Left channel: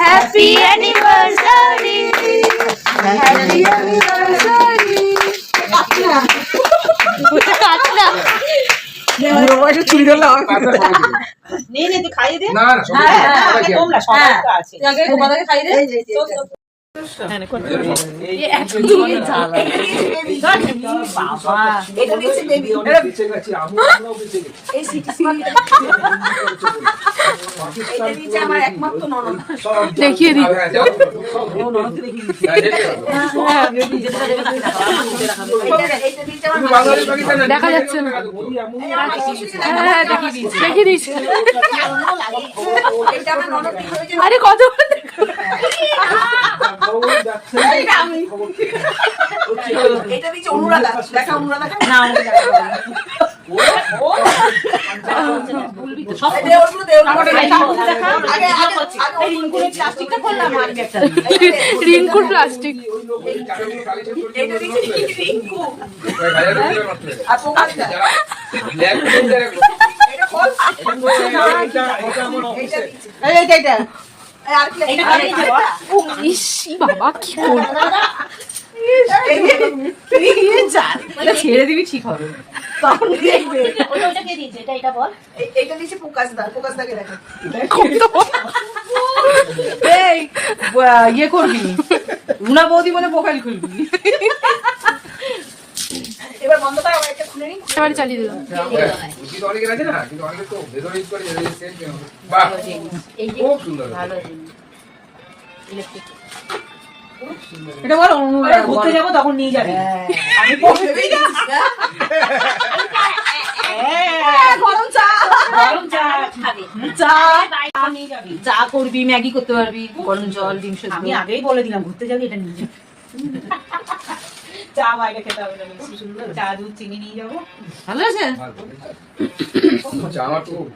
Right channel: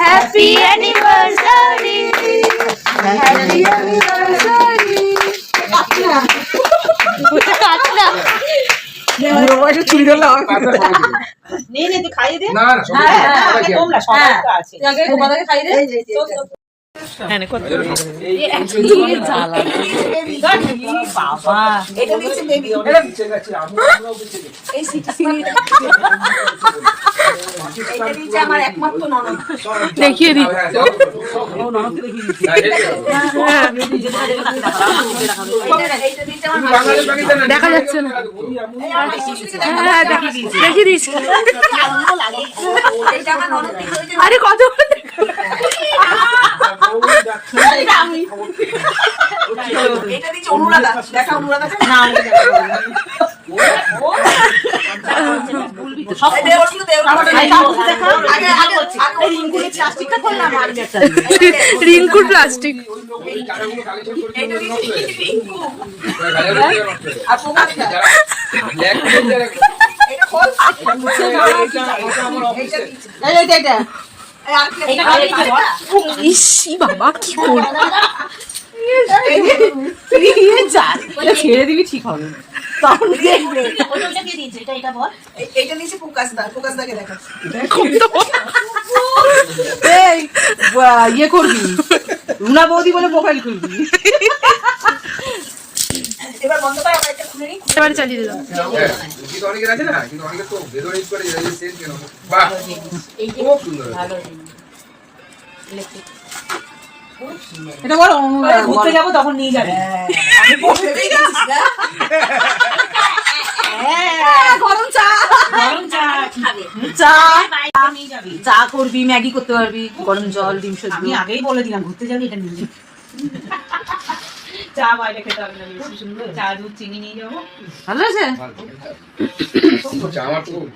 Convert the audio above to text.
Happy anniversary happy anniversary. চুরি ধরলে হবে নিয়ে নে তুই খাইয়ে দে। না না তোমরা সবাই তো আছে। খাইয়ে দে। দেখিয়ে দি দেখা যাচ্ছে না। হ্যাঁ দেখিয়ে দিচ্ছি। আরে কত রিঙ্কুর প্লাস্টিক বাবা কি করবো ছেড়ে দিবি ঠিক হবে ইয়ে করবি রুনা বৌদি বলে প্রোফাইল করবি এবার চালিয়ে দিলাম। অনেকের আছে না কিন্তু অনেকে তো ভেতরে করে সেল কেন বাহ খুব সুন্দর এটা বড় ঘুরতে যাবো তখন নিয়ে যাবে। গরম চা চা করবি, ম্যাগি করতে পারবি, গরম জল, ডিম সেদ্ধ। আমি আগেই বলে দিলাম ঘুরতে যাবি এটা নিয়ে যাবি। চা বাইরে খেতে হবে না, চা দুধ চিনি নিয়ে যাবো। ভালো আছে আমার খুব